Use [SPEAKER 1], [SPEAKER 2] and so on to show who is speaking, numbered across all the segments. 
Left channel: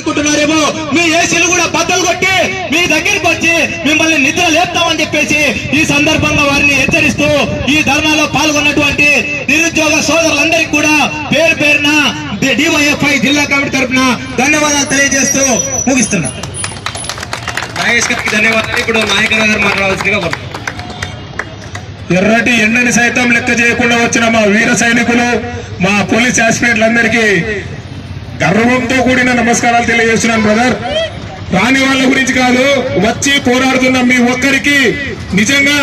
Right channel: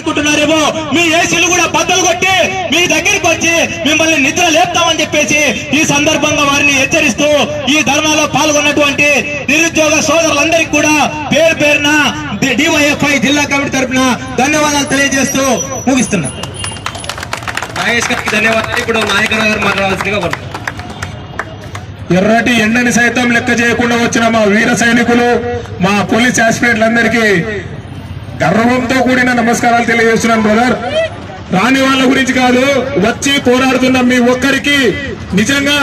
[SPEAKER 1] అనుకుంటున్నారేమో మీ ఏసీలు కూడా బద్దలు కొట్టి మీ దగ్గరికి వచ్చి మిమ్మల్ని నిద్ర లేపుతామని చెప్పేసి ఈ సందర్భంగా వారిని హెచ్చరిస్తూ ఈ ధర్నాలో పాల్గొన్నటువంటి నిరుద్యోగ సోదరులందరికీ కూడా పేరు పేరున డివైఎఫ్ఐ జిల్లా కమిటీ తరఫున ధన్యవాదాలు తెలియజేస్తూ ముగిస్తున్నా.
[SPEAKER 2] నాగేష్ గారికి ధన్యవాదాలు. ఇప్పుడు నాయకుల గారు మాట్లాడాల్సిందిగా కోరుతున్నాను.
[SPEAKER 3] ఎర్రటి ఎండని సైతం లెక్క చేయకుండా వచ్చిన మా వీర సైనికులు మా పోలీస్ ఆస్పిరెంట్లందరికీ గర్వంతో కూడిన నమస్కారాలు తెలియజేస్తున్నాను బ్రదర్. రాని వాళ్ళ గురించి కాదు వచ్చి పోరాడుతున్న మీ ఒక్కరికి. నిజంగా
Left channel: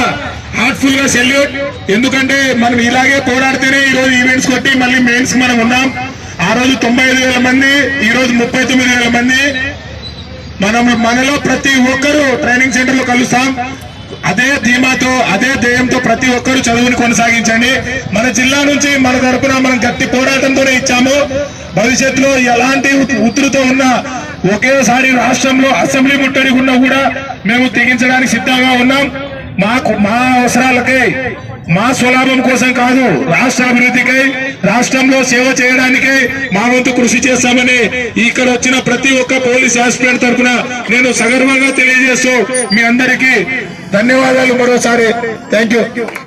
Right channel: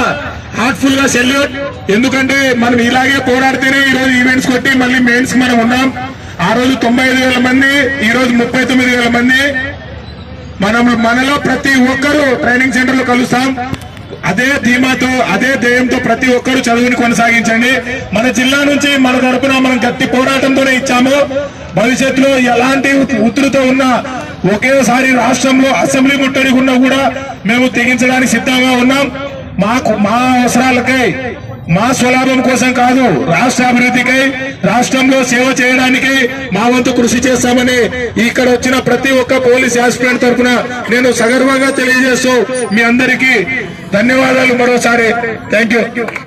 [SPEAKER 3] హార్ట్ఫుల్గా సెల్యూట్. ఎందుకంటే మనం ఇలాగే పోరాడితేనే ఈ రోజు ఈవెంట్స్ కొట్టి మళ్ళీ మెయిన్స్ మనం ఉన్నాం. ఆ రోజు తొంభై ఐదు వేల మంది ఈ రోజు ముప్పై తొమ్మిది వేల మంది. మనం మనలో ప్రతి ఒక్కరూ ట్రైనింగ్ సెంటర్లో కలుస్తాం. అదే ధీమాతో అదే ధ్యేయంతో ప్రతి ఒక్కరూ చదువుని కొనసాగించండి. మన జిల్లా నుంచి మన తరపున మనం గట్టి పోరాటంతోనే ఇచ్చాము. భవిష్యత్తులో ఎలాంటి ఉత్తులతో ఉన్నా ఒకేసారి రాష్ట్రంలో అసెంబ్లీ ముట్టడి ఉన్నా కూడా మేము తెగించడానికి సిద్ధంగా ఉన్నాం. మాకు మా అవసరాలకై మా స్వలాభం కోసం కాదు రాష్ట్ర అభివృద్ధికై రాష్ట్రంలో సేవ చేయడానికి మా వంతు కృషి చేస్తామని ఇక్కడ వచ్చిన ప్రతి ఒక్క పోలీస్ ఆస్పిరెంట్ తరఫున నేను సగర్వంగా తెలియజేస్తూ మీ అందరికీ ధన్యవాదాలు మరోసారి. థ్యాంక్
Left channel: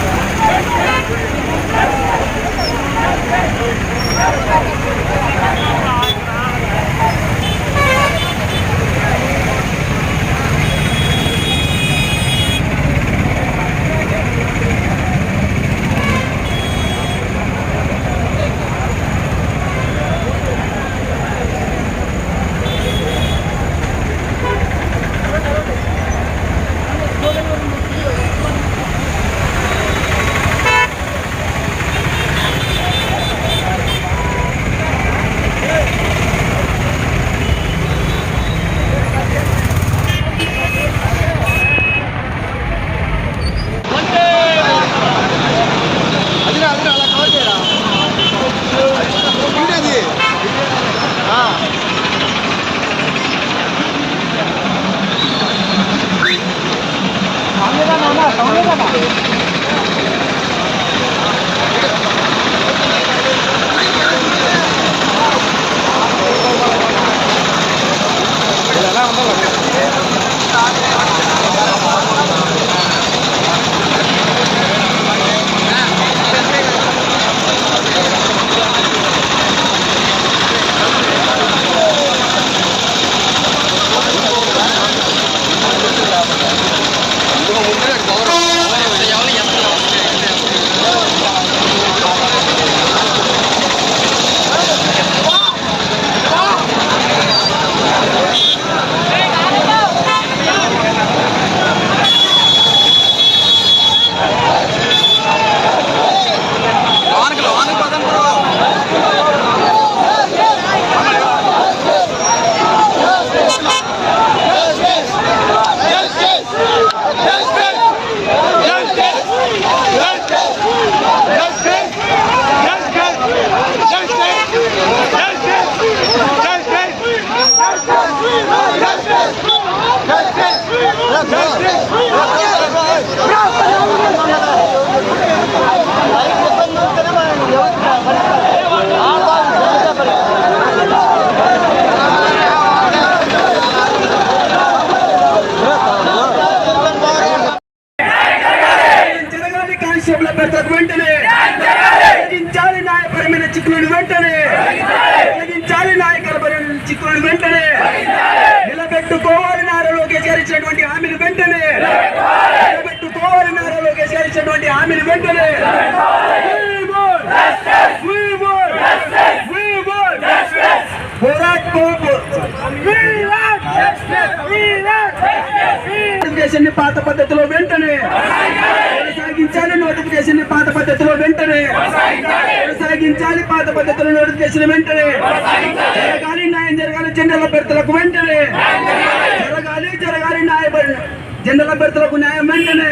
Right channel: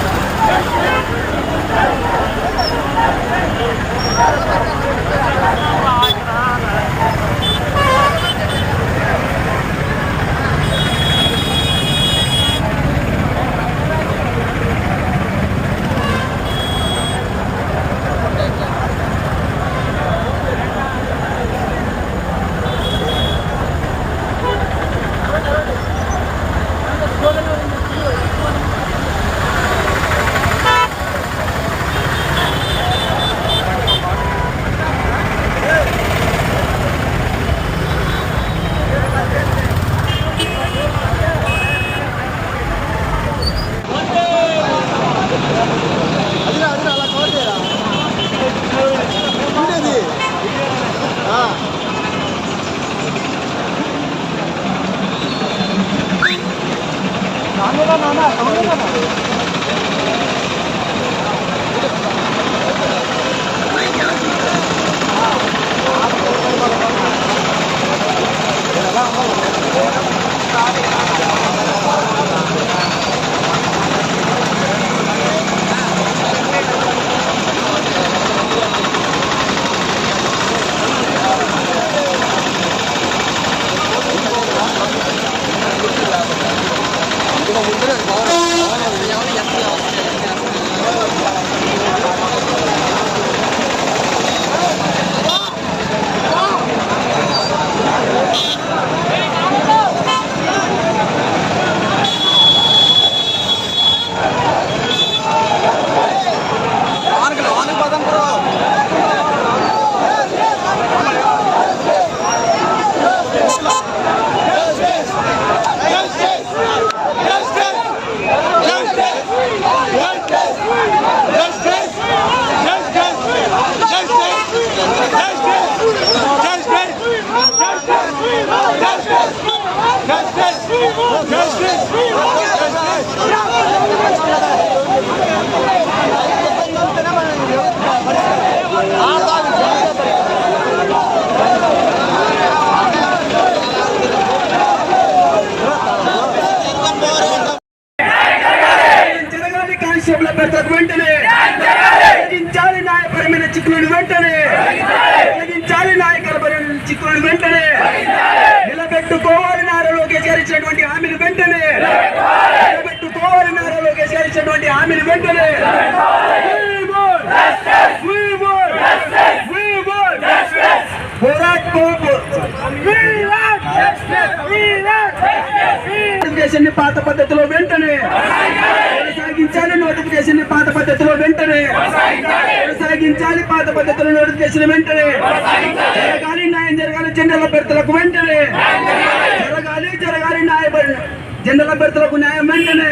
[SPEAKER 1] వెంటనే తొలగించాలి న్యాయపరమైన చిక్కులను వెంటనే తొలగించాలి న్యాయపరమైన చిక్కులను వెంటనే నిలబెట్టుకోవాలి నారా లోకేష్ గారు ఇచ్చినటువంటి హామీలు వెంటనే. నిలబెట్టుకోవాలి నారా లోకేష్ గారు ఇచ్చినటువంటి హామీలు వెంటనే. పాత పద్ధతిలో వెంటనే. కొనసాగించాలి నోటిఫికేషన్ పాత పద్ధతిలో వెంటనే. కొనసాగించాలి పాత పద్ధతిలో నోటిఫికేషన్ వెంటనే. జరగాలి న్యాయం జరగాలి జెండల అభ్యర్థులకు వెంటనే. జరగాలి జరగాలి న్యాయ జెండల అభ్యర్థులకు న్యాయం వెంటనే.